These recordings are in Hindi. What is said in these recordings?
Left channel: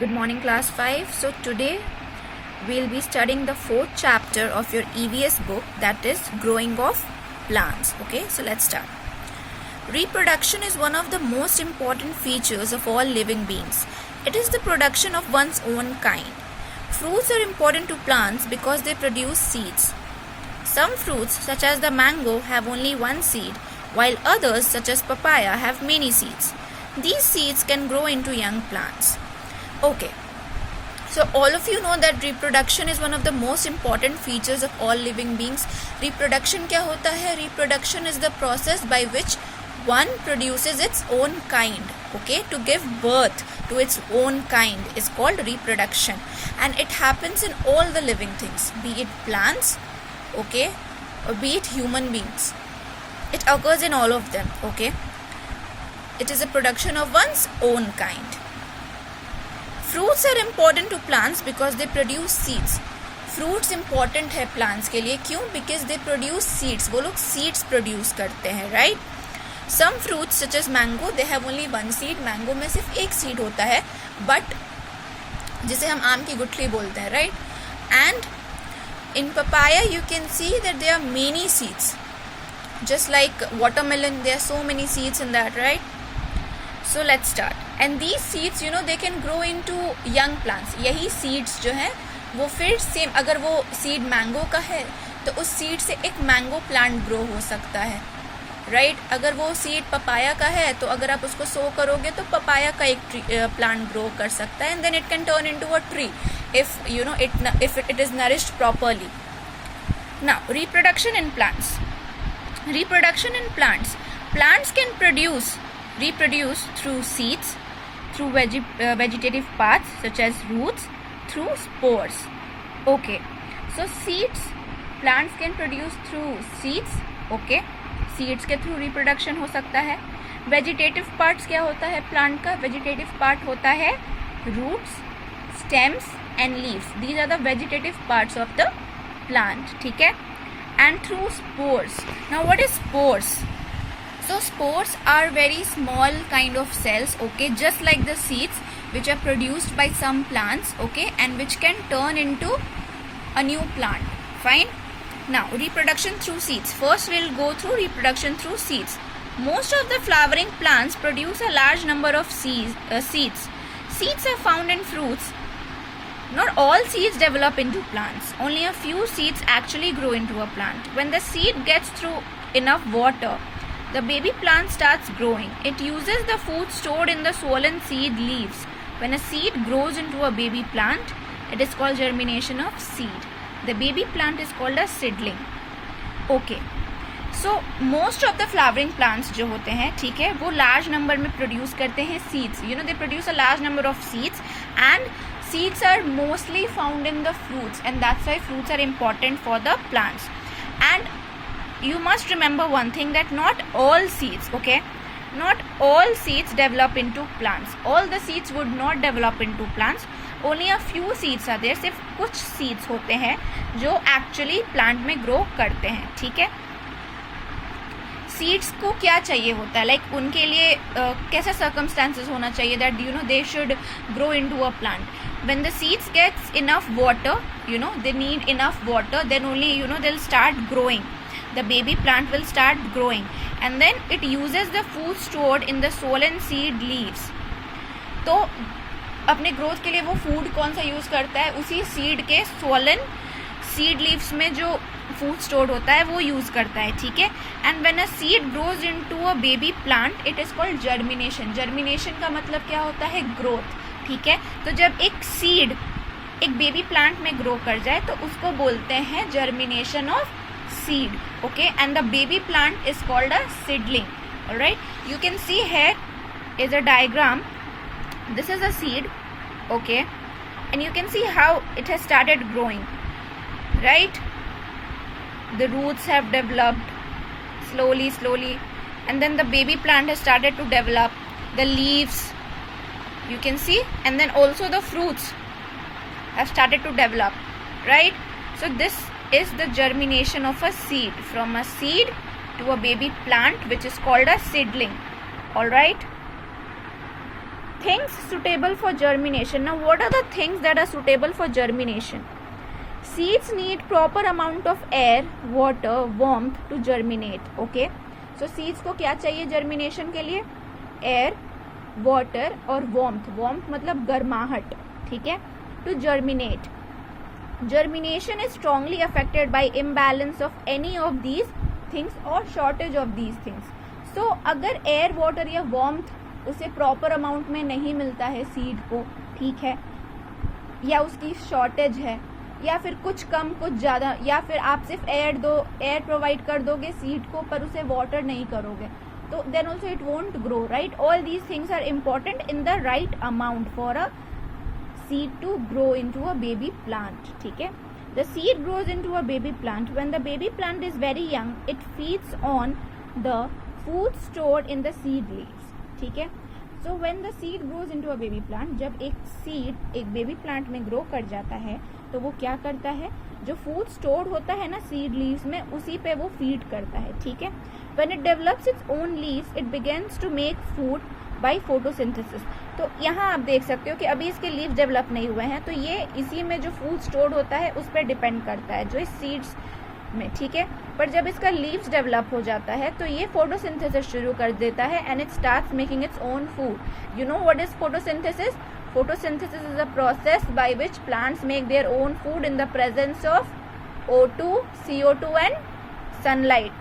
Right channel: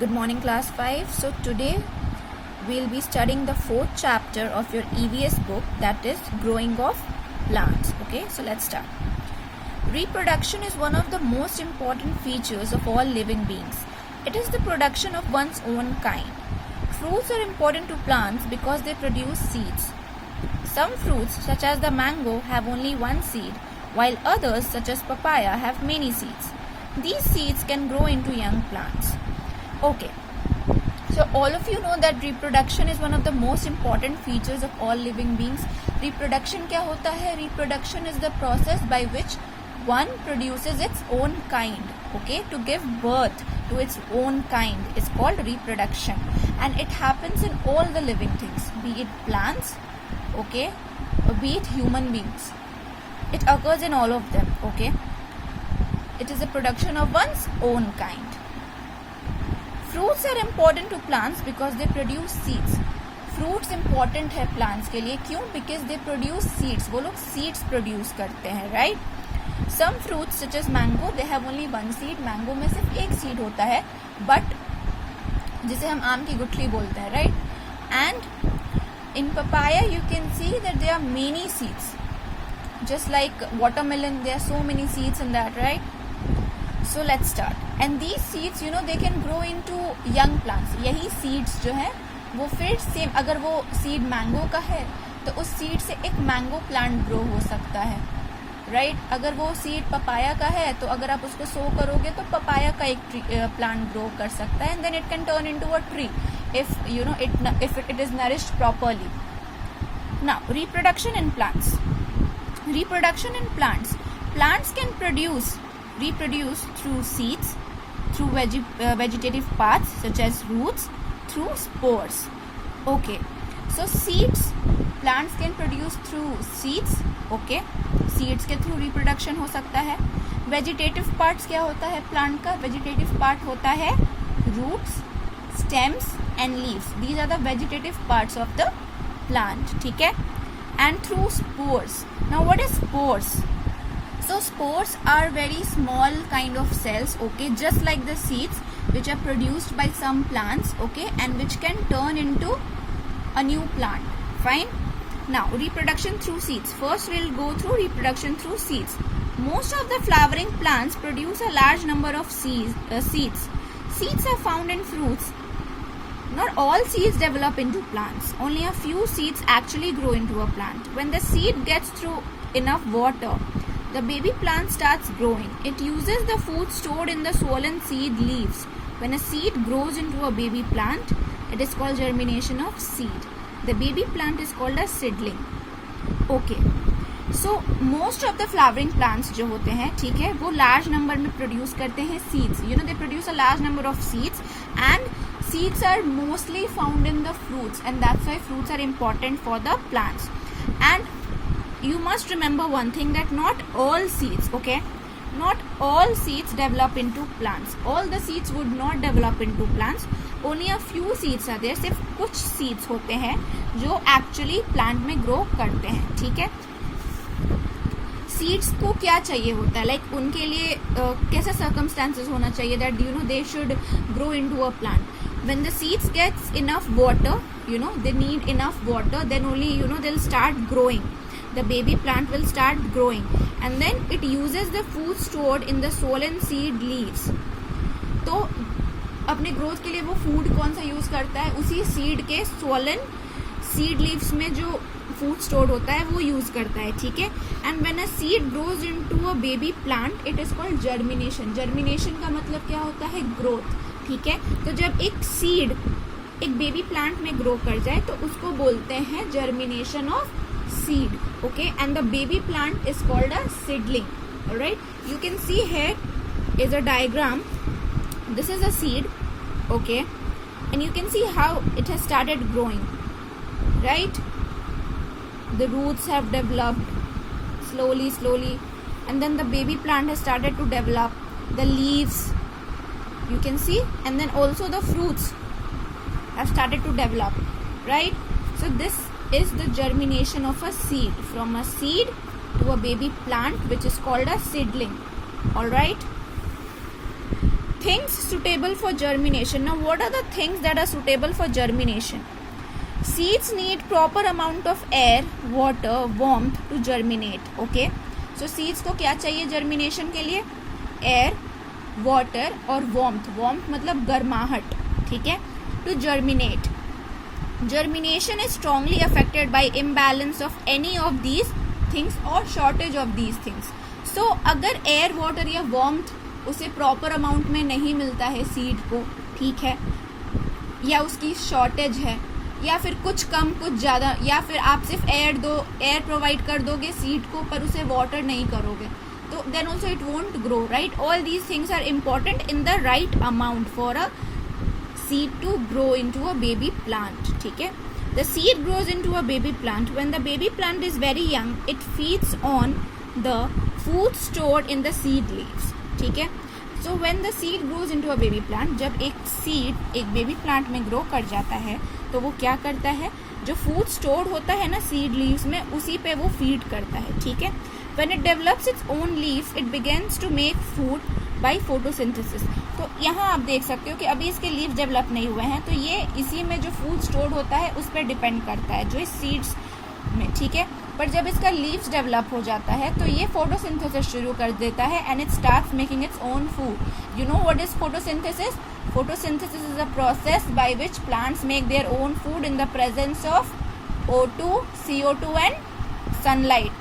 Good morning, class 5. So today we'll be studying the fourth chapter of your EVS book, that is growing of plants. Okay, so let's start. Reproduction is one of the most important features of all living beings. It is the production of one's own kind. Fruits are important to plants because they produce seeds. Some fruits, such as the mango, have only one seed, while others, such as papaya, have many seeds. These seeds can grow into young plants. Okay, so all of you know that reproduction is one of the most important features of all living beings. Reproduction क्या होता है? Reproduction is the process by which one produces its own kind. Okay, to give birth to its own kind is called reproduction, and it happens in all the living things, be it plants, okay, or be it human beings. It occurs in all of them. Okay, it is a production of one's own kind. Fruits are important to plants because they produce seeds. Fruits important है plants के लिए, क्यों? Because they produce seeds. वो लोग seeds produce करते हैं, right? Some fruits such as mango, they have only one seed. Mango में सिर्फ एक seed होता है, but जिसे हम आम की गुठली बोलते हैं, right? And in papaya you can see that there are many seeds. Just like watermelon, there are so many seeds in that, right? So let's start. And these seeds, you know, they can grow into young plants. यही seeds जो हैं वो फिर सेम, अगर वो seed mango का है तो उस seed से एक mango plant grow हो सकता है, right? अगर वो seed papaya का है तो अगर आप उसको sow करोगे तो papaya का एक plant grow कर सकता है, and then it can turn into a tree if you know if it is nourished properly. Now, reproduction in plants. Reproduction in plants. Plants can reproduce through seeds, through vegetative parts such as roots, through spores. Okay, so seeds, plants can produce through seeds. Okay, seeds के through reproduction हो सकता है. Vegetative parts क्या होता है plant का? Vegetative part होता है roots, stems and leaves. These are the vegetative parts of the plant. ठीक है? And through spores. Now what is spores? So spores are very small kind of cells, okay, just like the seeds which are produced by some plants, okay, and which can turn into a new plant. Fine. Now reproduction through seeds. First we'll go through reproduction through seeds. Most of the flowering plants produce a large number of seeds. Seeds are found in fruits. Not all seeds develop into plants. Only a few seeds actually grow into a plant. When the seed gets through enough water, the baby plant starts growing. It uses the food stored in the swollen seed leaves. When a seed grows into a baby plant, it is called germination of seed. The baby plant is called a seedling. Okay. So most of the flowering plants जो होते हैं, ठीक है, वो large number में produce करते हैं seeds. You know, they produce a large number of seeds, and seeds are mostly found in the fruits, and that's why fruits are important for the plants. And you must remember one thing, that not all seeds, okay, not all seeds develop into plants. All the seeds would not develop into plants. Only a few seeds are there. सिर्फ कुछ seeds होते हैं जो actually plant में grow करते हैं, ठीक है. सीड्स को क्या चाहिए होता है, लाइक उनके लिए कैसा सर्कमस्टांसेस होना चाहिए, that you know they should grow into a plant. When the seeds gets enough water, you know they need enough water, then only you know they will start growing. The baby plant will start growing, and then it uses the food stored in the swollen seed leaves. तो अपने ग्रोथ के लिए वो फूड कौन सा यूज करता है? उसी सीड के swollen सीड लीव्स में जो फूड स्टोर्ड होता है वो यूज करता है, ठीक है. And when a seed grows into a baby plant, it is called germination. Germination का मतलब क्या होता है? ग्रोथ, ठीक है. तो जब एक सीड एक बेबी प्लांट में ग्रो कर जाए तो उसको बोलते हैं germination of seed. Okay, and the baby plant is called a seedling. Alright, you can see here is a diagram. This is a seed, okay, and you can see how it has started growing, right? The roots have developed slowly, and then the baby plant has started to develop. The leaves, you can see, and then also the fruits have started to develop, right? So this is the germination of a seed, from a seed to a baby plant, which is called a seedling. All right. things suitable for germination. Now what are the things that are suitable for germination? Seeds need proper amount of air, water, warmth to germinate. Okay, so seeds को क्या चाहिए germination के लिए? Air, water और warmth. Warmth मतलब गर्माहट, ठीक है, to germinate. Germination is strongly affected by imbalance of any of these things or shortage of these things. So अगर air, water या warmth उसे प्रॉपर अमाउंट में नहीं मिलता है सीड को, ठीक है, या उसकी शॉर्टेज है, या फिर कुछ कम कुछ ज़्यादा, या फिर आप सिर्फ एयर प्रोवाइड कर दोगे सीड को पर उसे वाटर नहीं करोगे, तो then also it won't grow, right. All these things are important in the right amount for a seed to grow into a baby plant. ठीक है, the seed grows into a baby plant. When the baby plant is very young it feeds on the food stored in the seed leaves. ठीक है, so when the seed grows into a baby plant, जब एक सीड एक बेबी प्लांट में ग्रो कर जाता है तो वो क्या करता है, जो फूड स्टोर्ड होता है ना सीड लीव्स में, उसी पे वो फीड करता है. ठीक है, when it develops its own leaves it begins to make food by photosynthesis. तो यहाँ आप देख सकते हो कि अभी इसके लीव्स डेवलप नहीं हुए हैं, तो ये इसी में जो फूड स्टोर्ड होता है उस पर डिपेंड करता है, जो इस सीड्स में. ठीक है, पर जब इसका लीव्स डेवलप हो जाता है तो ये फोटोसिंथेसिस शुरू कर देता है and it starts making its own food. You know what is photosynthesis? Photosynthesis is a process by which plants make their own food in the presence of O2, CO2 and sunlight.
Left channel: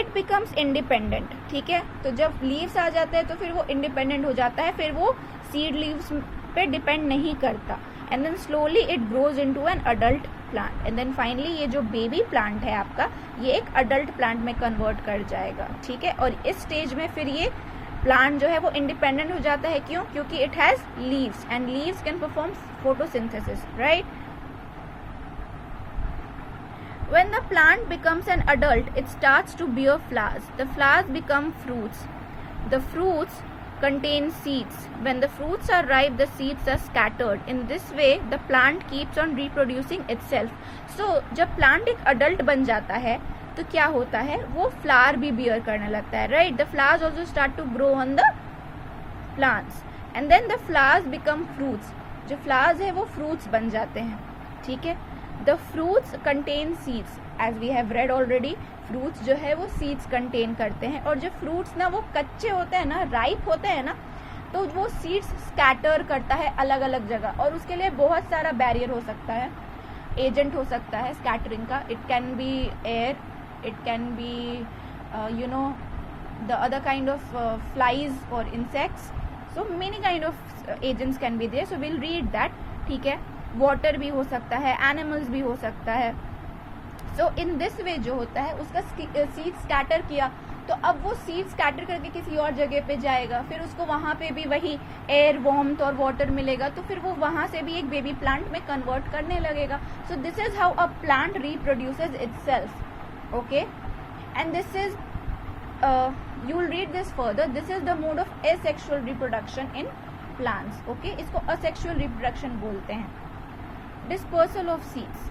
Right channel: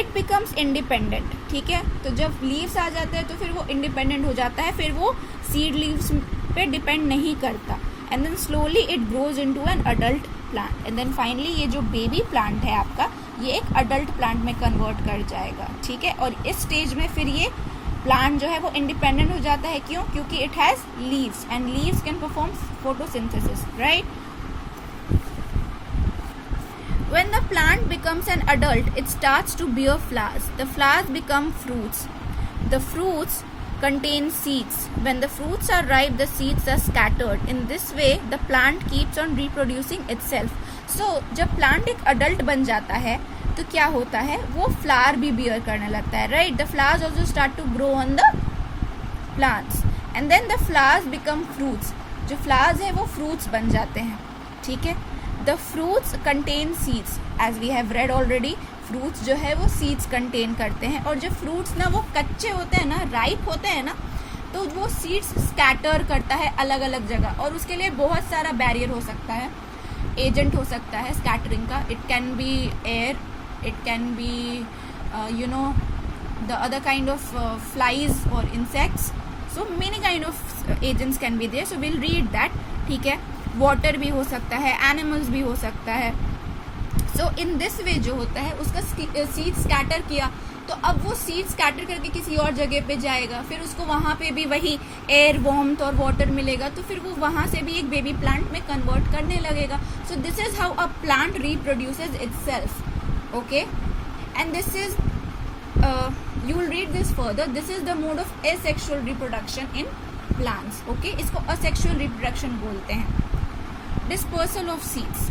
It becomes independent. ठीक है, तो जब leaves आ जाते हैं तो फिर वो independent हो जाता है, फिर वो seed leaves पे depend नहीं करता. And then slowly it grows into an adult plant. And then finally ये जो baby plant है आपका, ये एक adult plant में convert कर जाएगा. ठीक है, और इस स्टेज में फिर ये प्लांट जो है वो इंडिपेंडेंट हो जाता है. क्यों? क्योंकि it has leaves and leaves can perform photosynthesis, right. When the plant becomes an adult it starts to bear flowers. The flowers become fruits. The fruits contain seeds. When the fruits are ripe, the seeds are scattered. In this way, the plant keeps on reproducing itself. So, जब plant एक adult बन जाता है तो क्या होता है, वो फ्लावर भी बियर करने लगता है, right. The flowers also start to grow on the plants and then the flowers become fruits. जो फ्लावर्स है वो फ्रूट्स बन जाते हैं. ठीक है, the fruits contain seeds. As we have read already, fruits जो है वो सीड्स कंटेन करते हैं, और जो फ्रूट्स ना वो कच्चे होते हैं ना, राइप होते हैं ना, तो वो सीड्स स्कैटर करता है अलग अलग जगह, और उसके लिए बहुत सारा बैरियर हो सकता है, एजेंट हो सकता है स्कैटरिंग का. It can be air, it can be the other kind of flies or insects, so many kind of agents can be there, so we'll read that. ठीक है, water भी हो सकता है, animals भी हो सकता है. so in this way जो होता है उसका seed scatter किया, तो अब वो सीड स्कैटर करके किसी और जगह पे जाएगा, फिर उसको वहाँ पे भी वही एयर, वार्मथ और वाटर मिलेगा, तो फिर वो वहाँ से भी एक बेबी प्लांट में कन्वर्ट करने लगेगा. So this is how a plant reproduces itself. Okay, and this is you will read this further. This is the mode of asexual reproduction in plants. Okay, इसको asexual reproduction बोलते हैं. Dispersal of seeds.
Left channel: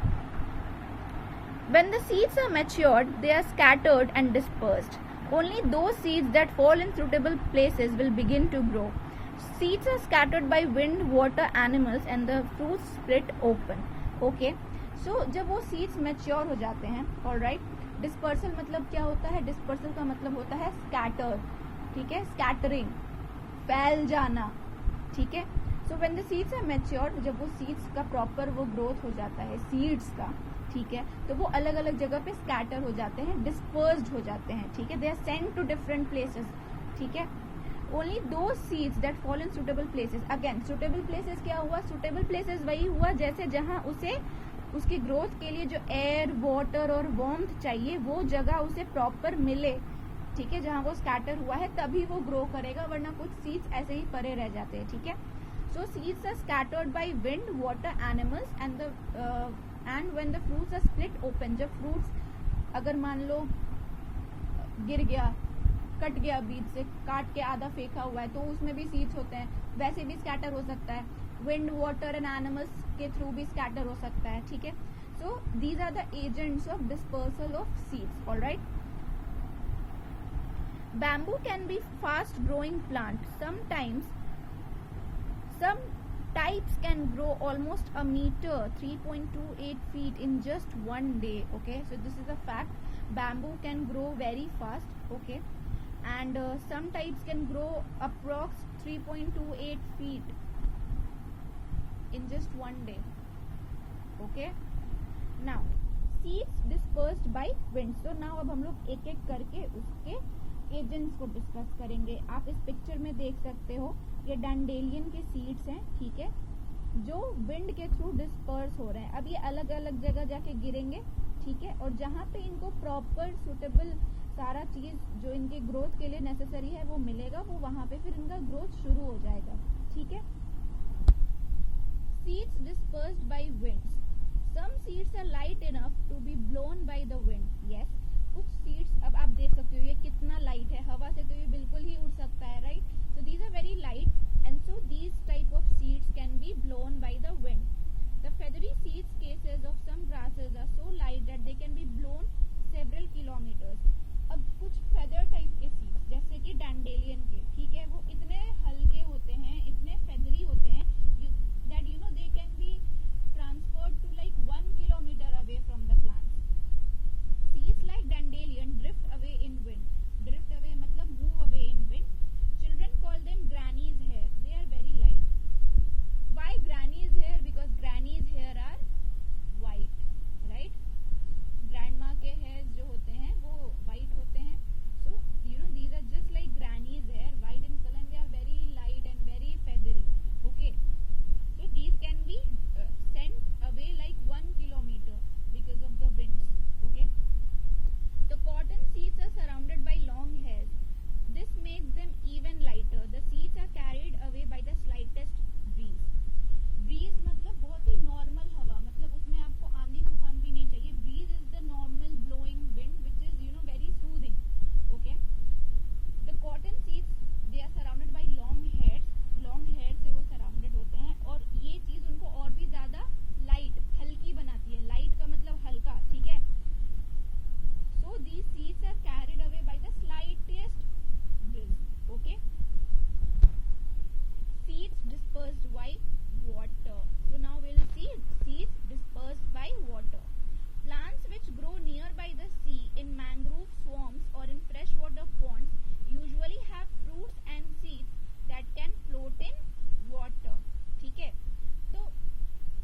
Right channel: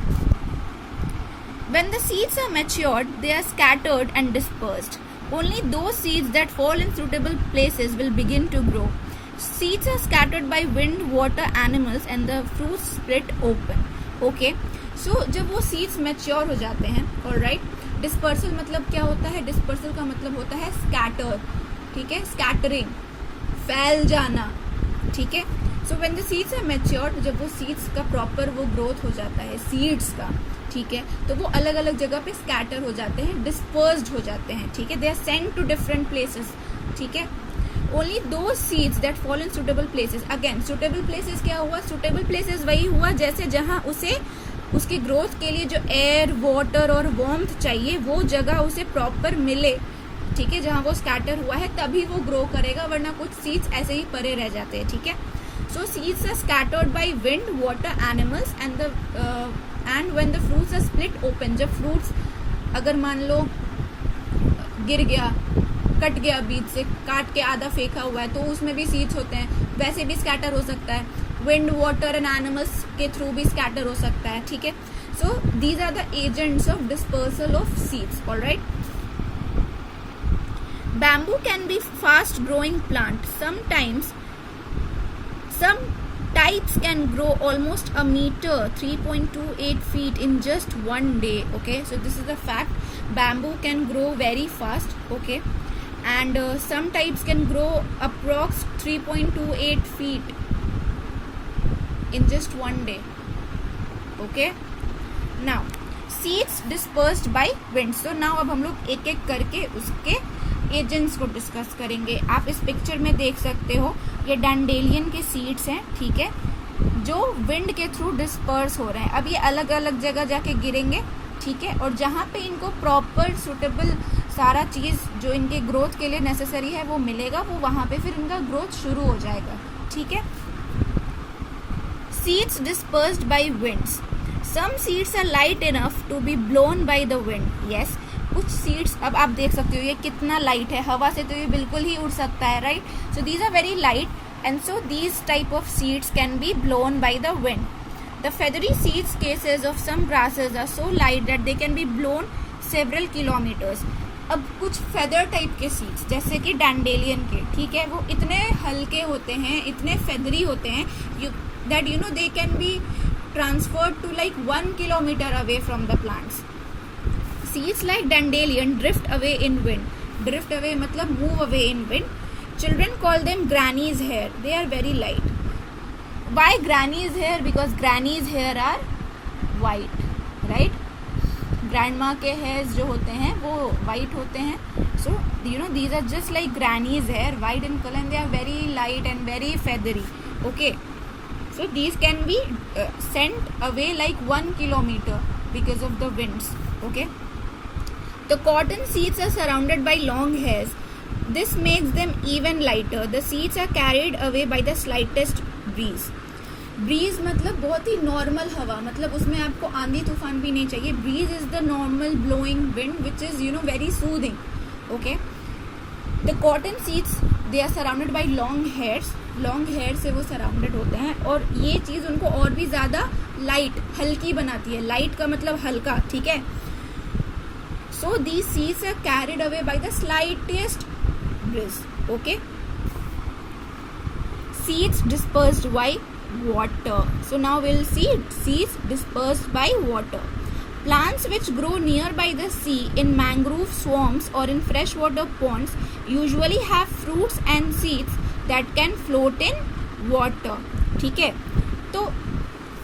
When the seeds are matured, they are scattered and dispersed. Only those seeds that fall in suitable places will begin to grow. Seeds are scattered by wind, water, animals, and the fruits split open. Okay, so जब वो seeds mature हो जाते हैं, alright. डिस्पर्सल मतलब क्या होता है? डिस्पर्सल का मतलब होता है स्कैटर. ठीक है, स्कैटरिंग, फैल जाना. ठीक है, so when the seeds are matured, जब वो सीड्स का प्रॉपर वो ग्रोथ हो जाता है सीड्स का, ठीक है, तो वो अलग अलग जगह पे स्कैटर हो जाते हैं, डिस्पर्स्ड हो जाते हैं. ठीक है, they are sent to different places. ठीक है, ओनली दो seeds that fall in suitable places. Again suitable places क्या हुआ? सुटेबल प्लेसेस वही हुआ जैसे जहाँ उसे उसकी ग्रोथ के लिए जो एयर, वाटर और वार्मथ चाहिए वो जगह उसे प्रॉपर मिले. ठीक है, जहाँ वो स्कैटर हुआ है तभी वो ग्रो करेगा, वरना कुछ सीड्स ऐसे ही परे रह जाते हैं. ठीक है, so seeds are scattered by wind, water, animals and when the fruits are split open. जब फ्रूट्स अगर मान लो गिर गया, कट गया, बीच से काट के आधा फेंका हुआ है, तो उसमें भी सीड्स होते हैं, वैसे भी स्कैटर हो सकता है. विंड, वाटर एंड एनिमल्स के थ्रू भी स्कैटर हो सकता है. ठीक है, so these are the agents of dispersal of seeds. Alright, Bamboo can be fast growing plant. Sometimes some types can grow almost a meter, 3.28 feet in just one day. Okay, so this is a fact. Bamboo can grow very fast. Okay, and some types can grow approx 3.28 feet in just one day. Okay, now seeds dispersed by wind. So now अब हम लोग एक एक करके उसके एजेंट्स को डिस्कस करेंगे. आप इस पिक्चर में देख सकते हो ये डैंडेलियन के सीड्स हैं, ठीक है, जो विंड के थ्रू डिस्पर्स हो रहे हैं. अब ये अलग अलग जगह जाके गिरेंगे, ठीक है, और जहाँ पे इनको प्रॉपर सुटेबल सारा चीज़ जो इनके ग्रोथ के लिए नेसेसरी है वो मिलेगा, वो वहाँ पे फिर इनका ग्रोथ शुरू हो जाएगा. ठीक है. Seeds dispersed by winds. Some seeds are light enough to be blown by the wind. Yes. कुछ सीड्स अब आप देख सकते हो ये कितना लाइट है, हवा से तो ये बिल्कुल ही उड़ सकता है, right. So these are very light and so these type of seeds can be blown by the wind. The feathery seeds cases of some grasses are so light that they can be blown several kilometres. अब कुछ फेदर टाइप के सीड्स जैसे कि डैंडेलियन के, ठीक है, वो इतने हल्के होते हैं, इतने फेदरी होते हैं that you know they can be transferred to like 1 kilometer away from the plants. Seeds like dandelion drift away in wind. Drift away मतलब move away in wind. Children call them granny's hair. They are very light. Why granny's hair? Because granny's hair are white, right? Grandma के hairs जो होते हैं वो white होते हैं. So you know these are just like granny's hair, white in color, and they are very light and very feathery. Okay. So these can be sent away like 1 kilometer because of the winds. Okay. The cotton seeds are surrounded by long hairs. This makes them even lighter. The seeds are carried away by the slightest breeze. Breeze मतलब बहुत ही नॉर्मल हवा, मतलब उसमें आपको आंधी तूफान भी नहीं चाहिए. Breeze is the normal blowing wind which is you know very soothing. Okay. The cotton seeds they are surrounded by long hairs. Long hair से वो surrounded होते हैं और ये चीज़ उनको और भी ज़्यादा लाइट हल्की बनाती है. लाइट का मतलब हल्का, ठीक है. So these seeds are carried away by the slightest breeze. Okay. Seeds dispersed by water. So now we'll see seeds dispersed by water. Plants which grow nearby the sea in mangrove swamps or in freshwater ponds usually have fruits and seeds that can float in water. ठीक है. तो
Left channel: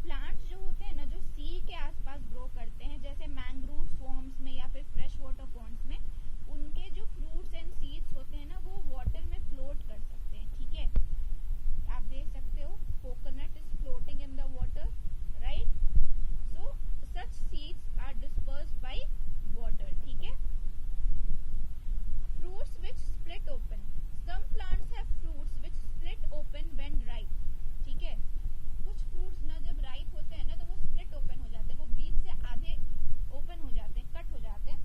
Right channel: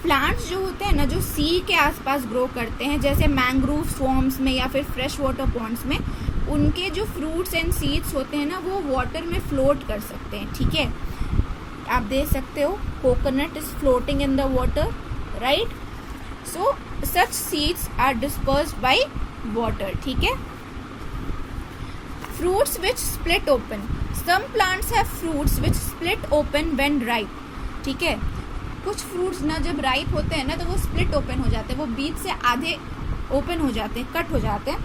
प्लांट्स जो होते हैं ना जो सी के आसपास ग्रो करते हैं जैसे मैंग्रोव स्वॉम्स में या फिर फ्रेश वाटर पॉन्ड्स में, उनके जो फ्रूट्स एंड सीड्स होते हैं ना वो वाटर में फ्लोट कर सकते हैं. ठीक है, आप देख सकते हो coconut is floating in the water, right. So such seeds are dispersed by water. ठीक है. Fruits which split open. Some plants have fruits which split open when ripe. ठीक है. कुछ फ्रूट्स ना जब राइप होते हैं ना तो वो स्प्लिट ओपन हो जाते हैं, वो बीच से आधे ओपन हो जाते हैं, कट हो जाते हैं.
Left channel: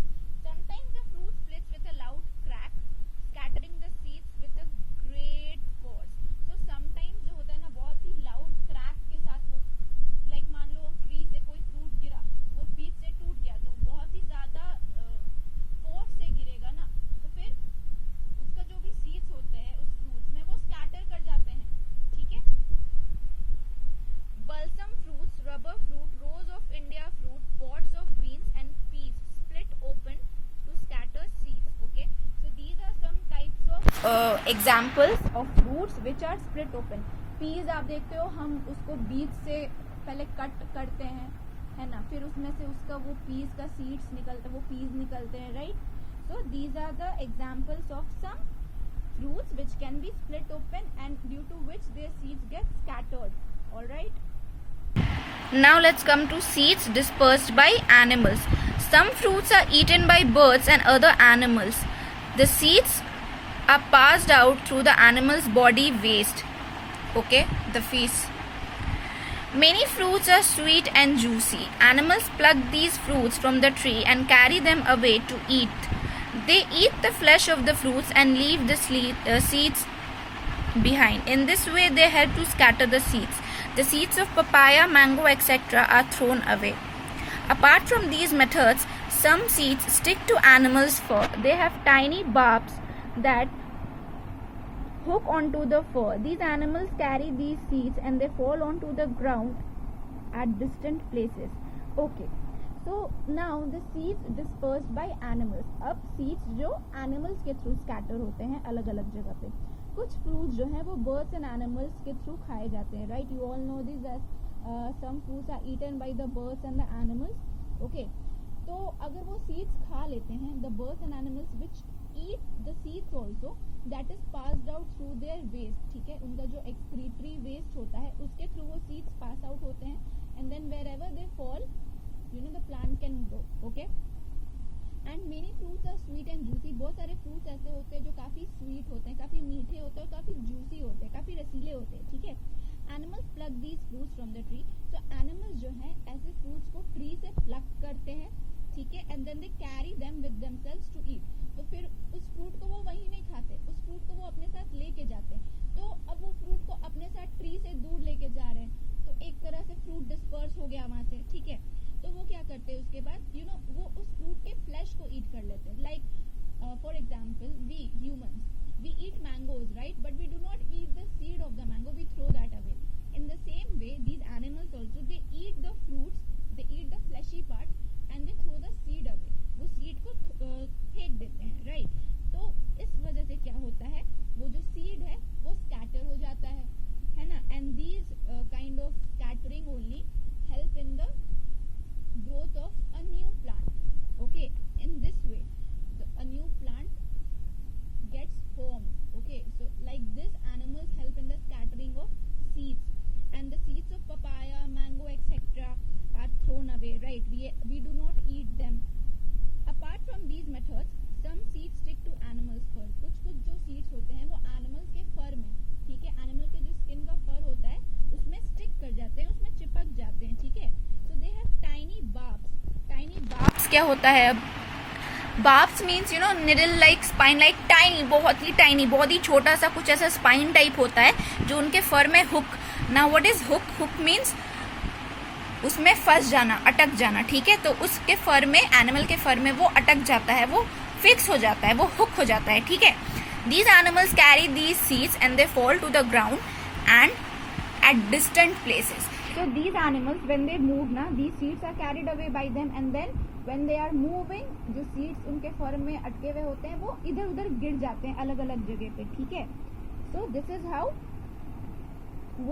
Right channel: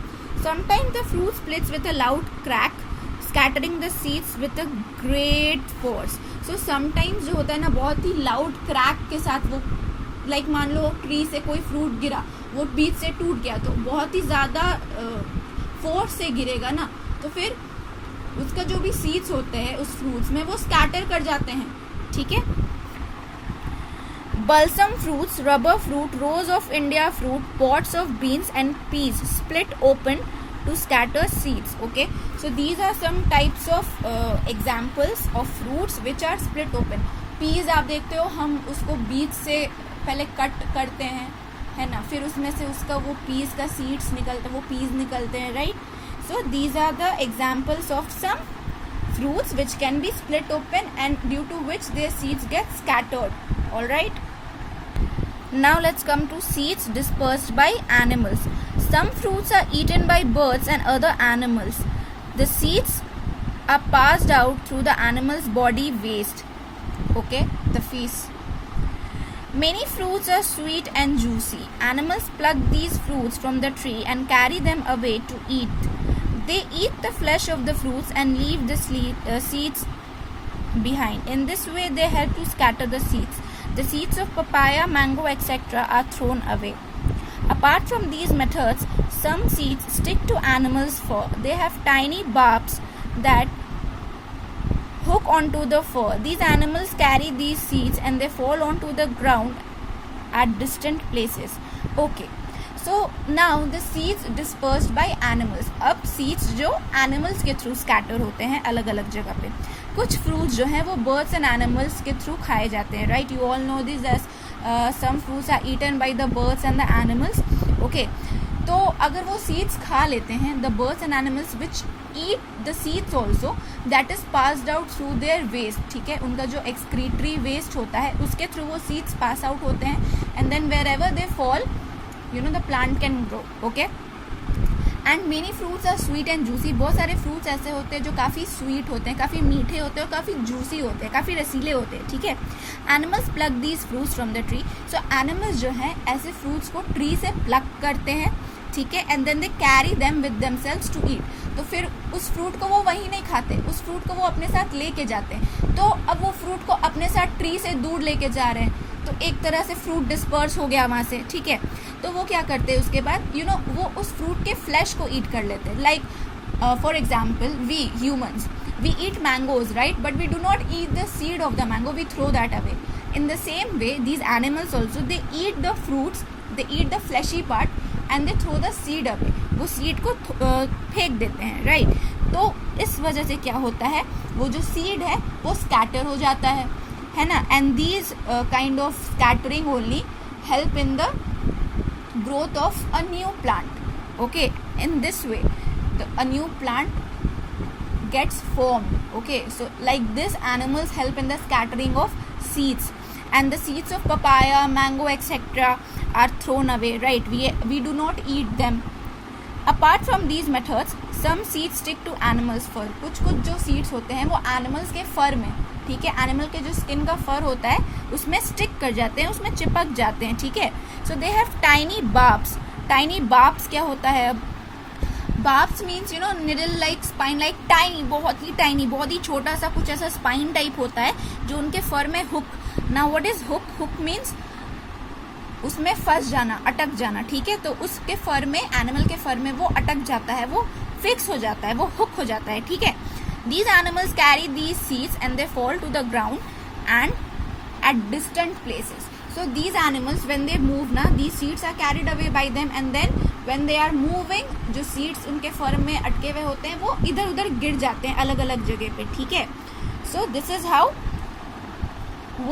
Sometimes the fruit splits with a loud crack scattering the seeds with a great force. So sometimes जो होता है ना बहुत ही लाउड क्रैक के साथ वो लाइक मान लो ट्री से कोई फ्रूट गिरा, वो बीच से टूट गया तो बहुत ही ज़्यादा फोर्स से गिरेगा ना, तो फिर उसका जो भी सीड्स होते हैं उस फ्रूट्स में वो स्कैटर कर जाते हैं. ठीक है. Balsam fruits, rubber fruit, rose of India fruit, pods of beans and peas split open to scatter seeds. Okay, so these are some types of examples of fruits which are split open. Peas आप देखते हो हम उसको बीज से पहले कट करते हैं, है ना, फिर उसमें से उसका वो पीस का सीड्स निकलते हैं, वो पीस निकलते हैं, right. So these are the examples of some fruits which can be split open and due to which their seeds get scattered. All right. Now let's come to seeds dispersed by animals. Some fruits are eaten by birds and other animals. The seeds are passed out through the animal's body waste. Okay, the feces. Many fruits are sweet and juicy. Animals pluck these fruits from the tree and carry them away to eat. They eat the flesh of the fruits and leave the seeds behind. In this way, they help to scatter the seeds. The seeds of papaya, mango, etc. are thrown away. Apart from these methods, some seeds stick to animals' fur. They have tiny barbs that hook onto the fur. These animals carry these seeds and they fall onto the ground at distant places. Okay, so now the seeds dispersed by animals. अब seeds जो animals के through scatter होते हैं अलग अलग जगह पे. कुछ fruits जो हैं वो birds and animals के through खाए जाते हैं, right? You all know this as some fruits are eaten by the birds and the animals. Okay, तो अगर वो seeds खा लेते हैं, the birds and animals which eat the seeds also, that is passed out through their waste. ठीक है, उनका जो excretory waste होता है उसके through वो seeds pass out होते हैं, and then wherever they fall, you know, the plant can grow. Okay, and many fruits are sweet and juicy. बहुत सारे fruits ऐसे होते हैं जो काफ़ी sweet होते हैं, काफ़ी मीठे होते हैं और काफ़ी juicy होते हैं, काफ़ी रसीले होते हैं. ठीक है, animals pluck these fruits from the tree. So animals जो हैं ऐसे fruits को tree से pluck करते हैं, ठीक है, and then they carry them with themselves to eat. तो फिर उस फ्रूट को वो वहीं नहीं खाते, उस फ्रूट को वो अपने साथ लेके जाते हैं. तो अब वो फ्रूट को अपने साथ ट्री से दूर लेके जा रहे हैं, तो एक तरह से फ्रूट डिस्पर्स हो गया वहाँ से. ठीक है, तो वो क्या करते हैं उसके बाद, यू नो, वो उस फ्रूट के फ्लैश को ईट कर लेते हैं. Like for example we humans, we eat mangoes, right, but we do not eat the seed of the mango, we throw that away. In the same way these animals also, they eat the fruits, they eat the fleshy part and they throw the seed away. वो सीड को फेंक देते हैं, राइट. तो इस वजह से क्या होता है, वो जो सीड है वो स्कैटर हो जाता है ना. And these kind of scattering only help in the growth of a new plant. Okay, in this way a new plant gets formed. Okay, so like this animals help in the scattering of seeds, and the seeds of papaya, mango, etc. are thrown away, right? We do not eat them. Apart from these methods, some seeds stick to animals fur. कुछ जो seeds होते हैं वो animals के fur में, ठीक है, animal के जो skin का fur होता है उसमें stick कर जाते हैं, उसमें चिपक जाते हैं. ठीक है, so they have tiny barbs. Tiny barbs क्या होता है? अब barbs means, you know, needle like, spine like, tiny, बहुत ही tiny, बहुत ही छोटा सा कुछ ऐसा spine type होता है जो उनके fur में hook. Now what is hook? Hook means उसमें फंस जाना, अटक जाना. ठीक है, तो उसके फर में, एनिमल के फर में वो अटक जाता है, वो फिक्स हो जाता है, वो हुक हो जाता है. ठीक है, these animals carry these seeds and they fall to the ground and at distant places. So these animals when they move ना, these seeds are carried away by them, and then when they are moving, जो seeds उनके फर में अटके हुए होते हैं वो इधर उधर गिर जाते हैं अलग अलग जगह पे. ठीक है, so this is how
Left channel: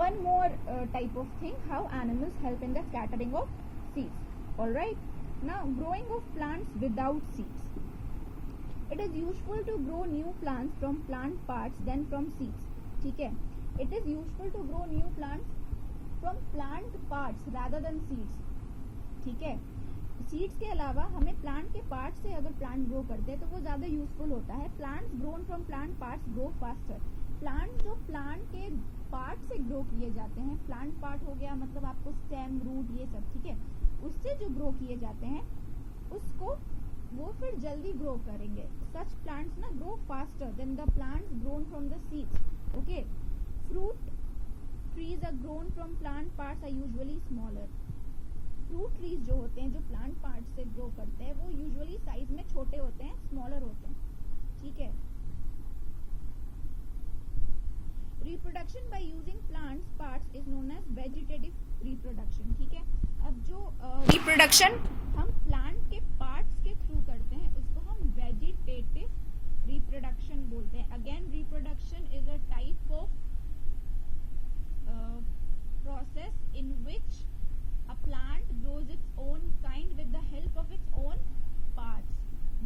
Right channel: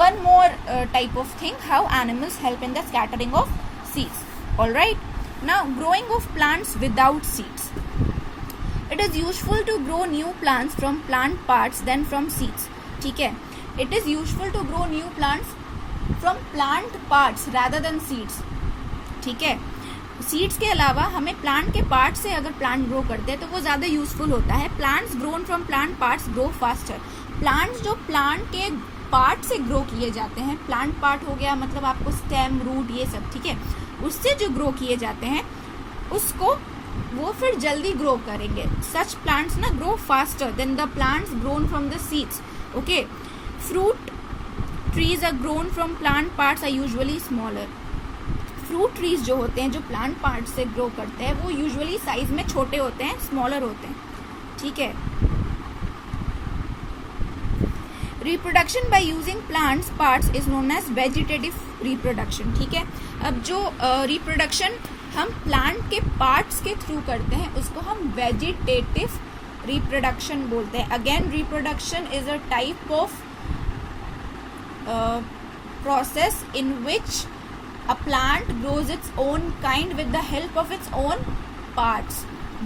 one more type of thing how animals help in the scattering of seeds. All right, now growing of plants without seeds. It is useful to grow new plants from plant parts than from seeds. ठीक है, it is useful to grow new plants from plant parts rather than seeds. ठीक है, सीड्स के अलावा हमें प्लांट के पार्ट से अगर प्लांट ग्रो करते हैं तो वो ज़्यादा यूजफुल होता है. Plants grown from plant parts grow faster. Plants जो प्लांट के पार्ट से ग्रो किए जाते हैं, प्लांट पार्ट हो गया मतलब आपको स्टेम, रूट, ये सब, ठीक है, उससे जो ग्रो किए जाते हैं उसको वो फिर जल्दी ग्रो करेंगे. सच प्लांट्स ना grow faster than the plants grown from the seeds. Okay, fruit trees are grown from plant parts are usually smaller. Fruit trees जो होते हैं जो प्लांट पार्ट से ग्रो करते हैं वो यूजुअली साइज में छोटे होते हैं, स्मॉलर होते हैं. ठीक है, reproduction by using plants parts is known as vegetative reproduction. ठीक है, अब जो रिप्रोडक्शन हम प्लांट के पार्ट्स के थ्रू करते हैं उसको हम वेजिटेटिव रिप्रोडक्शन बोलते हैं. Again reproduction is a type of process in which a plant grows its own kind with the help of its own parts.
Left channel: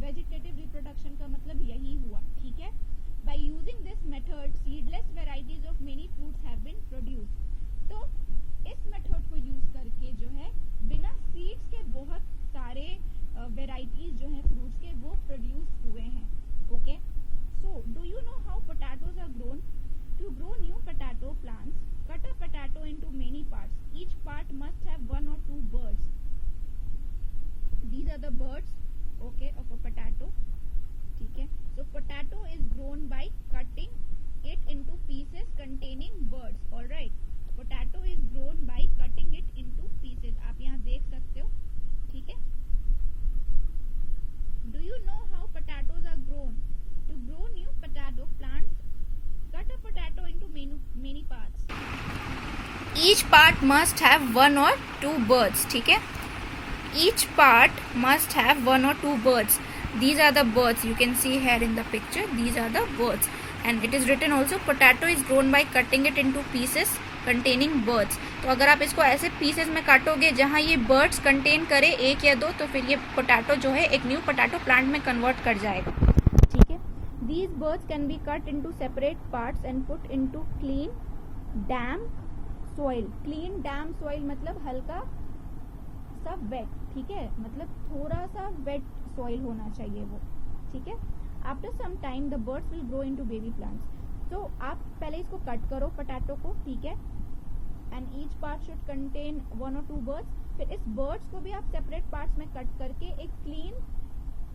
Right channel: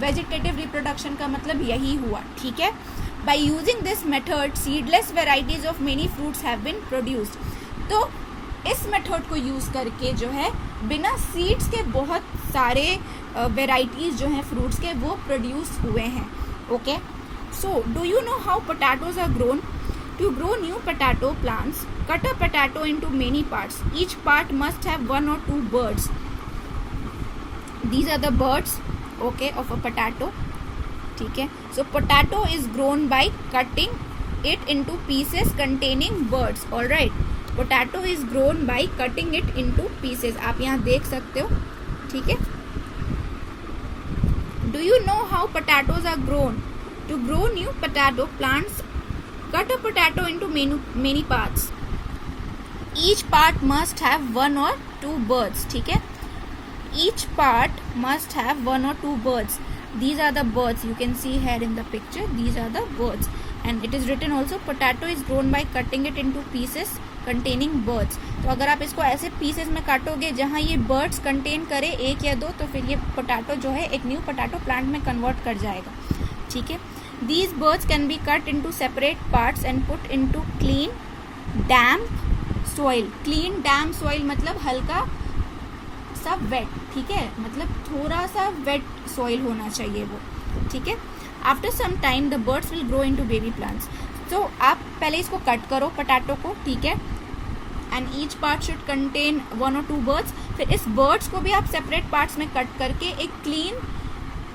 Vegetative reproduction का मतलब यही हुआ. ठीक है, by using this method seedless varieties of many fruits have been produced. तो इस मेथड को यूज करके जो है बिना सीड्स के बहुत सारे वेराइटीज जो हैं फ्रूट्स के वो प्रोड्यूस हुए हैं. Okay, so do you know how potatoes are grown? To grow new potato plants, cut a potato into many parts. Each part must have 1 or 2 buds. These are the buds, okay, of a potato. ठीक है, so potato is grown by cutting it into pieces containing buds. All right, potato is grown by cutting it into pieces. आप यहाँ देख सकते हो. ठीक है, do you know how potatoes are grown? To grow new potato plants, cut a potato into many parts. Each part must have 1 or 2 buds. ठीक है, each part must have 1 or 2 buds. These are the buds you can see here in the picture. These are the buds, and it is written also potato is grown by cutting it into pieces containing buds. तो अगर आप इसको ऐसे पीसेस में काटोगे जहाँ ये बर्ड्स कंटेन करे 1 या 2, तो फिर ये पोटैटो जो है एक न्यू पोटैटो प्लांट में कन्वर्ट कर जाएगा. ठीक है. These birds can be cut into separate parts and put into clean, damp soil. Clean, damp soil मतलब हल्का सा वेट. ठीक है, मतलब थोड़ा सा वेट सॉइल होना चाहिए वो. ठीक है. After some time the birds will grow into baby plants. तो आप पहले इसको कट करो पोटैटो को. ठीक है. And each part should contain 1 or 2 birds. फिर इस birds को भी आप separate parts में कट करके एक clean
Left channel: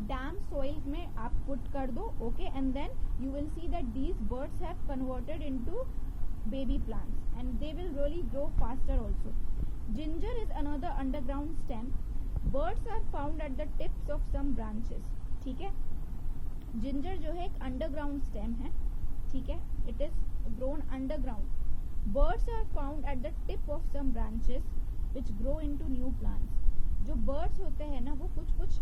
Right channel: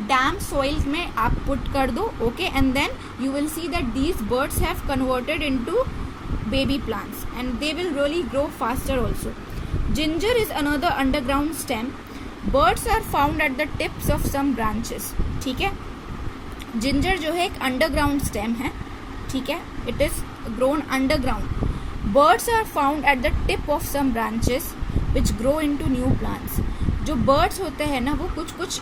डैम्प सॉइल्स में आप पुट कर दो. Okay, and then you will see that these buds have converted into baby plants and they will really grow faster also. Ginger is another underground stem. Buds are found at the tips of some branches. ठीक है, जिंजर जो है एक अंडरग्राउंड स्टेम है. ठीक है, it is grown underground. Buds are found at the tip of some branches which grow into new plants. जो बर्ड्स होते हैं ना, वो कुछ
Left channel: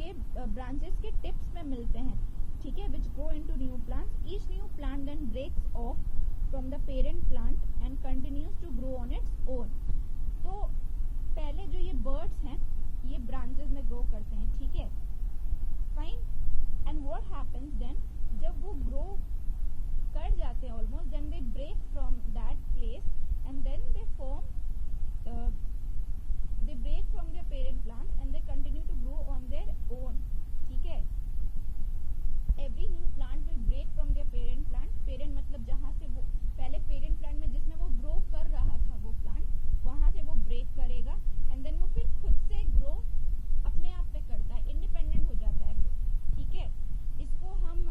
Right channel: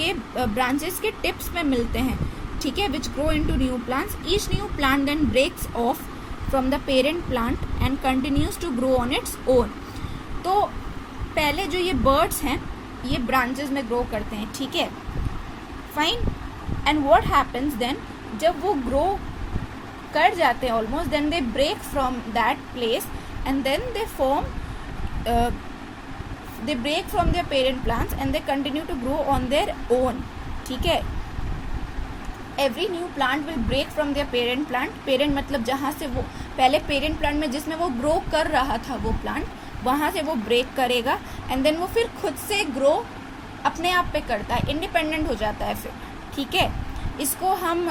के ब्रांचेस के टिप्स में मिलते हैं. ठीक है, which grow into new plants. Each new plant then breaks off from the parent plant and continues to grow on its own. तो पहले जो ये बर्ड्स हैं ये ब्रांचेस में ग्रो करते हैं. ठीक है, fine. And what happens then, जब वो ग्रो कर जाते हैं almost, then they break from that place and then they form they break from their parent plants and they continue to grow on their own. ठीक है, every new plant will break from their parent plant. parent मतलब जहाँ से वो पहले parent plant में जिसमें वो grow कर रहा था वो plant, वहाँ से वो break करेगा and then वो फिर खुद से grow अपने आप पे करता है, independent हो जाता है फिर. ठीक है, इसको हम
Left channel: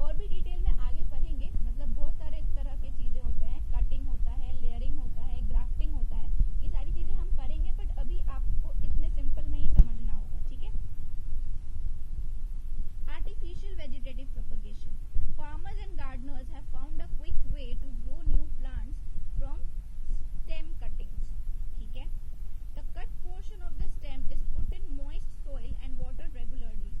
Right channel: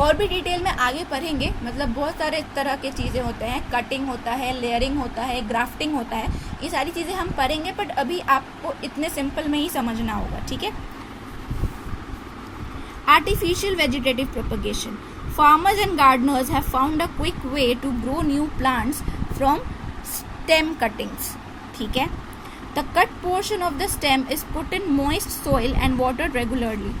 और भी डिटेल में आगे पढ़ेंगे. मतलब बहुत सारे इस तरह के चीज़ें होते हैं, कटिंग होता है, लेयरिंग होता है, ग्राफ्टिंग होता है, ये सारी चीज़ें हम पढ़ेंगे, बट अभी आपको इतने सिंपल में ही समझना होगा. ठीक है. Artificial vegetative propagation. Farmers and gardeners have found a quick way to grow new plants from stem cuttings. ठीक है. The cut portion of the stem is put in moist soil and watered regularly.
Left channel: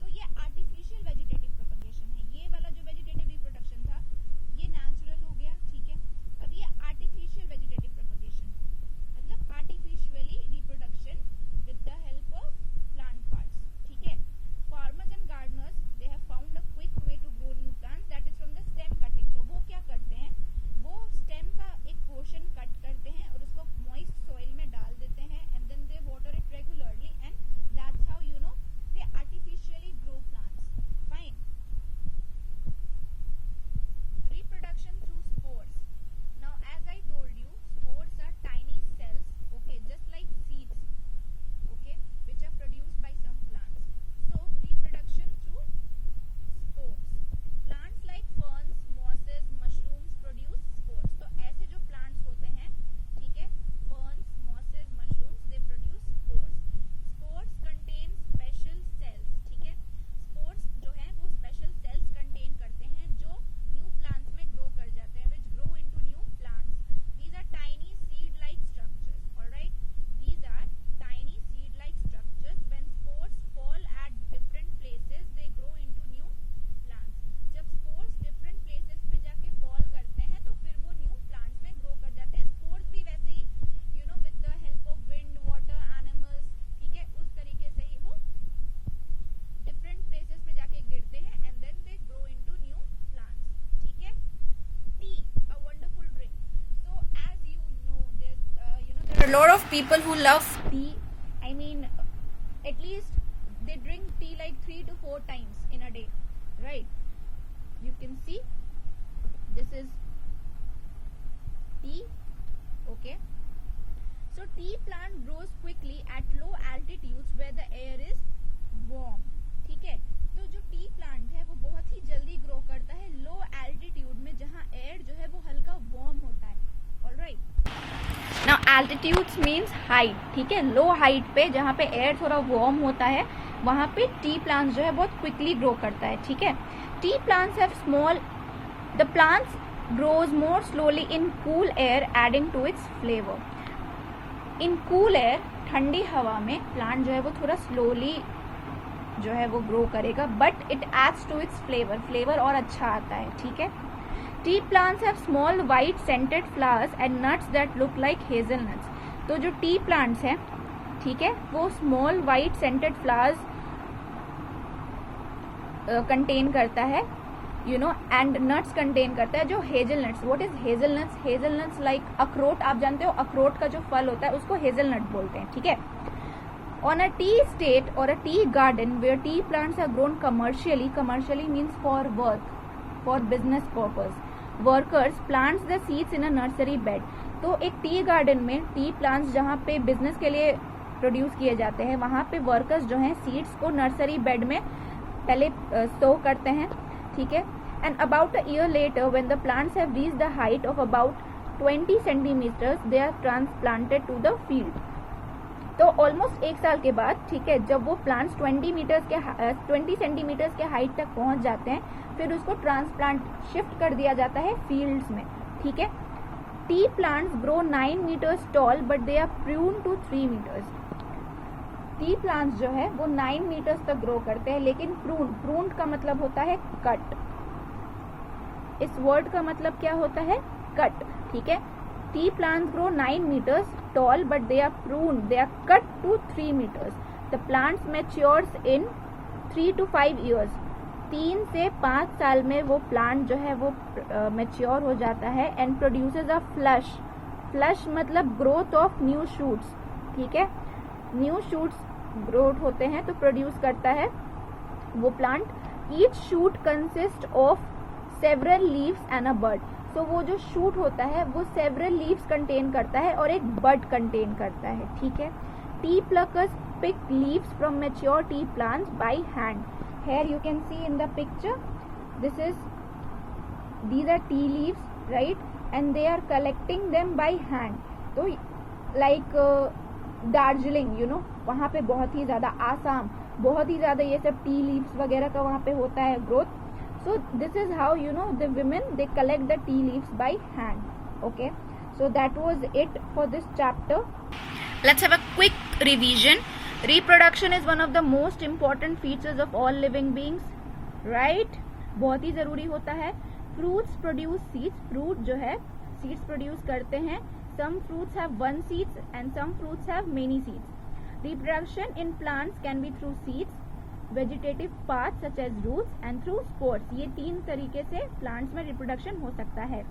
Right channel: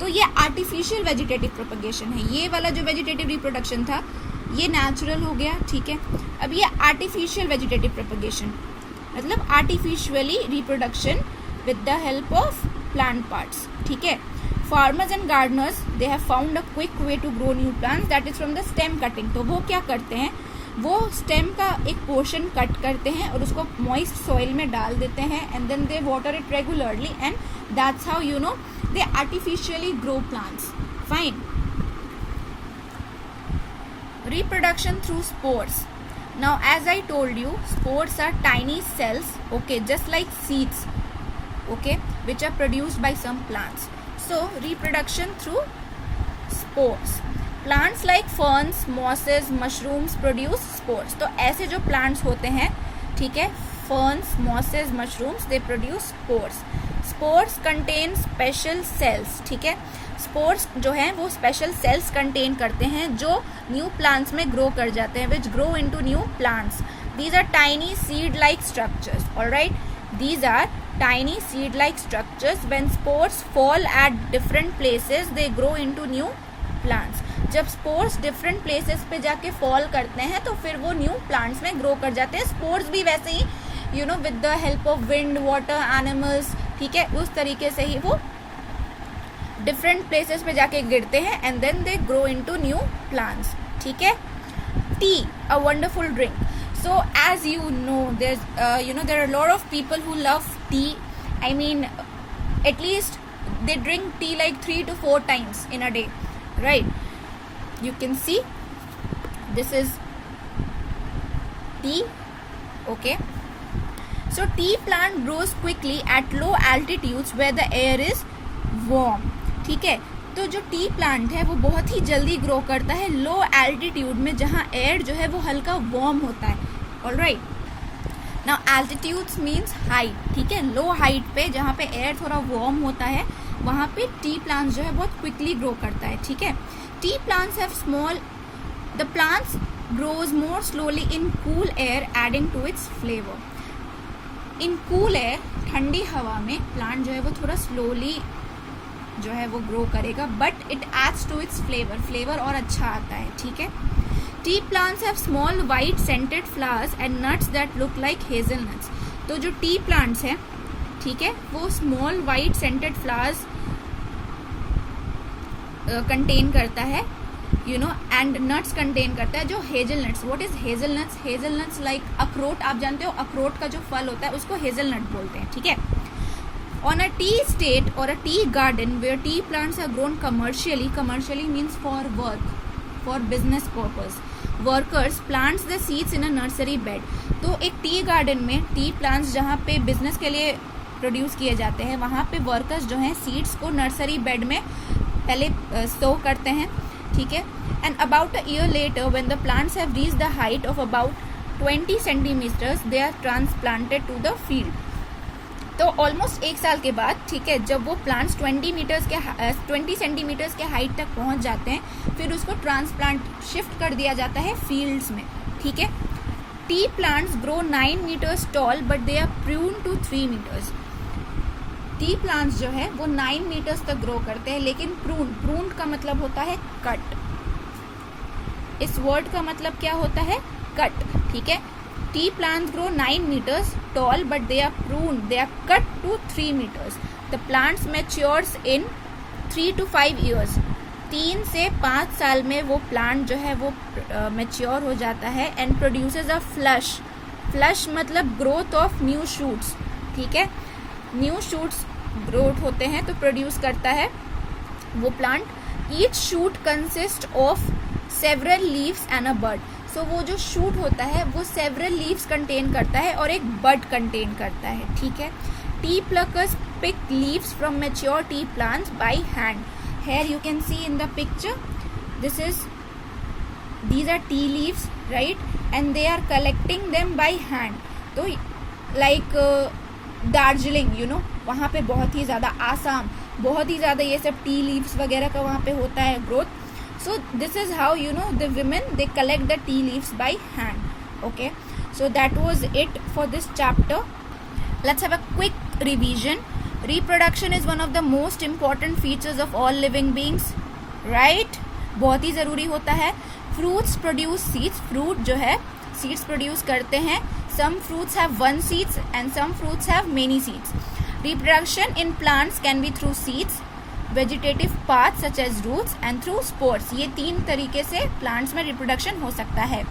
तो ये आर्टिफिशियल वेजिटेटिव प्रोपगेशन है. ये वाला जो वेजिटेटिव रिप्रोडक्शन था ये नेचुरल हो गया. ठीक है. अब ये आर्टिफिशियल वेजिटेटिव प्रोपगेशन मतलब artificially reproduction with the help of plant parts. ठीक है. Farmers and gardeners they have found a quick way to grow new plants that is from the stem cutting. तो वो क्या करते हैं, वो स्टेम का एक पोर्शन कट करते हैं और उसको मॉइस्ट सॉइल में डाल देते हैं and then they water it regularly and that's how you know they artificially grow plants. Fine. Reproduction through spores. Now as I told you, spores are tiny cells, okay, just like seeds, okay, which are produced by some plants. So reproduction through spores. Plants like ferns, mosses, mushrooms produce spores. तो ऐसे जो plants होते हैं, ठीक है, ferns, mosses, mushrooms, they produce spores. Spores contain special cells. ठीक है, स्पोर्स जो हैं वो स्पेशल सेल्स कंटेन करते हैं जो न्यू प्लांट्स में ग्रो कर जाते हैं, which grow into new plants. These are tiny seed like structures. Alright, these are tiny seed like structures. When spores fall at different places they grow into new plants. जब स्पोर्स डिफरेंट प्लेसेस पे जाके फॉल करते हैं तो फिर वो न्यू प्लांट्स में ग्रो कर जाते हैं. स्पोर्स भी वैसे ही you know with the help of wind, water, animals, ठीक है, उस तरीके से ही वो डिफरेंट प्लेसेस पे जाके गिरते हैं and then they grow into new plants. ठीक है. Tea, a wonderful drink. So as you know there are a lot of people who love tea. I mean, at least they drink tea like 3 to 4 times in a day, right? You can see this is tea. Okay. So tea plant grows quickly at low altitudes where the air is warm. ठीक है, तो जो टी प्लांट है वो बहुत ही जल्दी ग्रो करता है लो एल्टीट्यूड में जहाँ एयर जो है वो हल्का वार्म होता है. Alright, now altitudes means height. ठीक है, लो हाइट पे जहाँ पे एयर थोड़ा वार्म होता है वहाँ पे टी प्लांट्स जो है बहुत क्विकली ग्रो करता है, ठीक है। Tea plants have small, the plants grows more slowly in cool air adding to its flavour. In cool air, ठंडी हवा में प्लांट जो है वो थोड़ा स्लोली जो है वो ग्रो करेगा, but it adds to its flavour, flavour और अच्छा आता है, ठीक है। Tea plants have small white scented flowers and nuts that look like hazelnuts. तो जो टी प्लांट्स हैं, ठीक है, वो small white scented flowers contain करता है, you know, and nuts contain करता है जो hazelnuts. What is hazelnuts? Hazelnuts like अखरोट, आप जानते हो अखरोट का जो फल होता है उसको हेजलनट बोलते हैं, ठीक है। On a tea estate or a tea garden where tea plants are grown commercially means for work, for business purpose. Workers plants the seeds in a nursery bed. तो एक टी गार्डन में टी प्लांट्स जहाँ पे बिजनेस के लिए प्रोड्यूस किए जाते हैं, वहाँ पे वर्कर्स जो हैं सीड्स को नर्सरी बेड में पहले स्टो करते हैं, ठीक है। And about a year later when the plants have reached the height of about 20 centimetres they are transplanted to the field. तो ऑलमोस्ट एक साल के बाद, ठीक है, जब वो प्लांट्स 20 सेंटीमीटर्स के हाइट तक पहुंच जाते हैं, फिर उसको ट्रांसप्लांट शिफ्ट कर दिया जाता है फील्ड्स में, ठीक है। Tea plants grow 9 metres tall but they are prune to 3 metres. Tea plants जो है वो 9 मीटर्स तक ग्रो करते हैं, लेकिन प्रून का मतलब होता है कट। इस वर्ड का मतलब क्या होता है? कट, ठीक है। Tea plants grow 9 meters tall but they are pruned, they are cut to 3 meters. The plants matures in 3 to 5 years. 3 से 5 साल में वो प्लांट जो है वो मैच्योर हो जाता है and produces a flush. Flush मतलब ग्रोथ ऑफ न्यू शूट्स, ठीक है। न्यू शूट्स ग्रोथ होते हैं तो प्रोड्यूस करता है वो plant. Each shoot consist of several leaves and a bud. So वो जो शूट होता है वो सेवरल लीव्स कंटेन करता है और एक बड कंटेन करता है, ठीक है। Tea pluckers pick leaves from mature tea plants by hand. Here you can see in the picture, these are tea leaves, right, and they are collecting them by hand. तो like दार्जिलिंग, you know, वहाँ पे बहुत ही ज़्यादा, आसाम बहुत ही ज़्यादा ये सब टी लीव्स वगैरह का वहाँ पे होता है growth. So this is how, you know, the women, they collect the tea leaves by hand. Okay, so that was it for this chapter. Let's have a quick revision. Reproduction is one of the most important features of all living beings, right? बहुत ही ज़रूरी होता है. Fruits produce seeds. Fruit जो है seeds produce करते हैं. Some fruits have one seeds and some fruits have many seeds. Reproduction in plants can be through seeds, vegetative parts such as roots and through spores. ये 3 तरीके से plants में reproduction हो सकता है.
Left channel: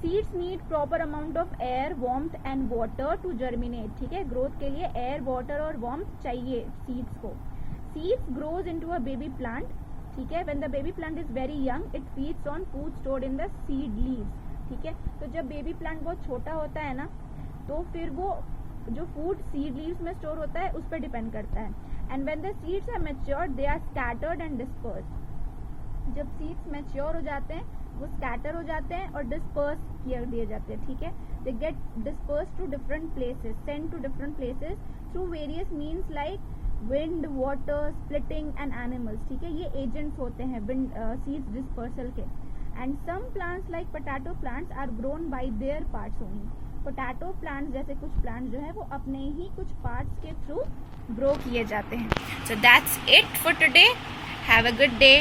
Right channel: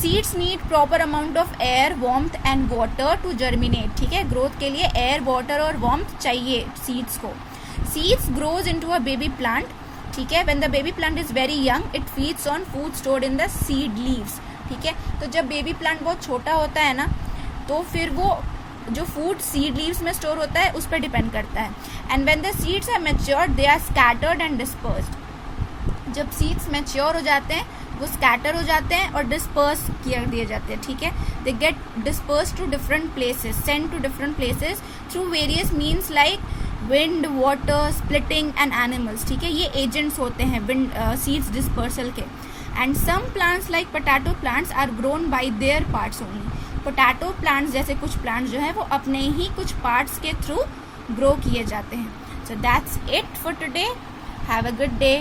Seeds need proper amount of air, warmth and water to germinate. ठीक है, growth के लिए air, water और warmth चाहिए seeds को. Seeds grows into a baby plant. ठीक है, when the baby plant is very young, it feeds on food stored in the seed leaves. ठीक है, तो जब बेबी प्लांट बहुत छोटा होता है ना, तो फिर वो जो फूड सीड लीव्स में स्टोर होता है उस पर डिपेंड करता है. And when the seeds are matured they are scattered and dispersed. जब सीड्स मैच्योर हो जाते हैं वो स्कैटर हो जाते हैं और डिस्पर्स किए दिए जाते हैं. ठीक है, they get disperse to different places, send to different places through various means like wind, water, splitting and animals. ठीक है, ये एजेंट्स होते हैं विंड सीड्स डिस्पर्सल के. And some plants like potato plants are grown by their parts only. Potato plants जैसे कुछ प्लांट्स जो है वो अपने ही कुछ पार्ट्स के थ्रू ग्रो किए जाते हैं. So that's it for today. Have a good day.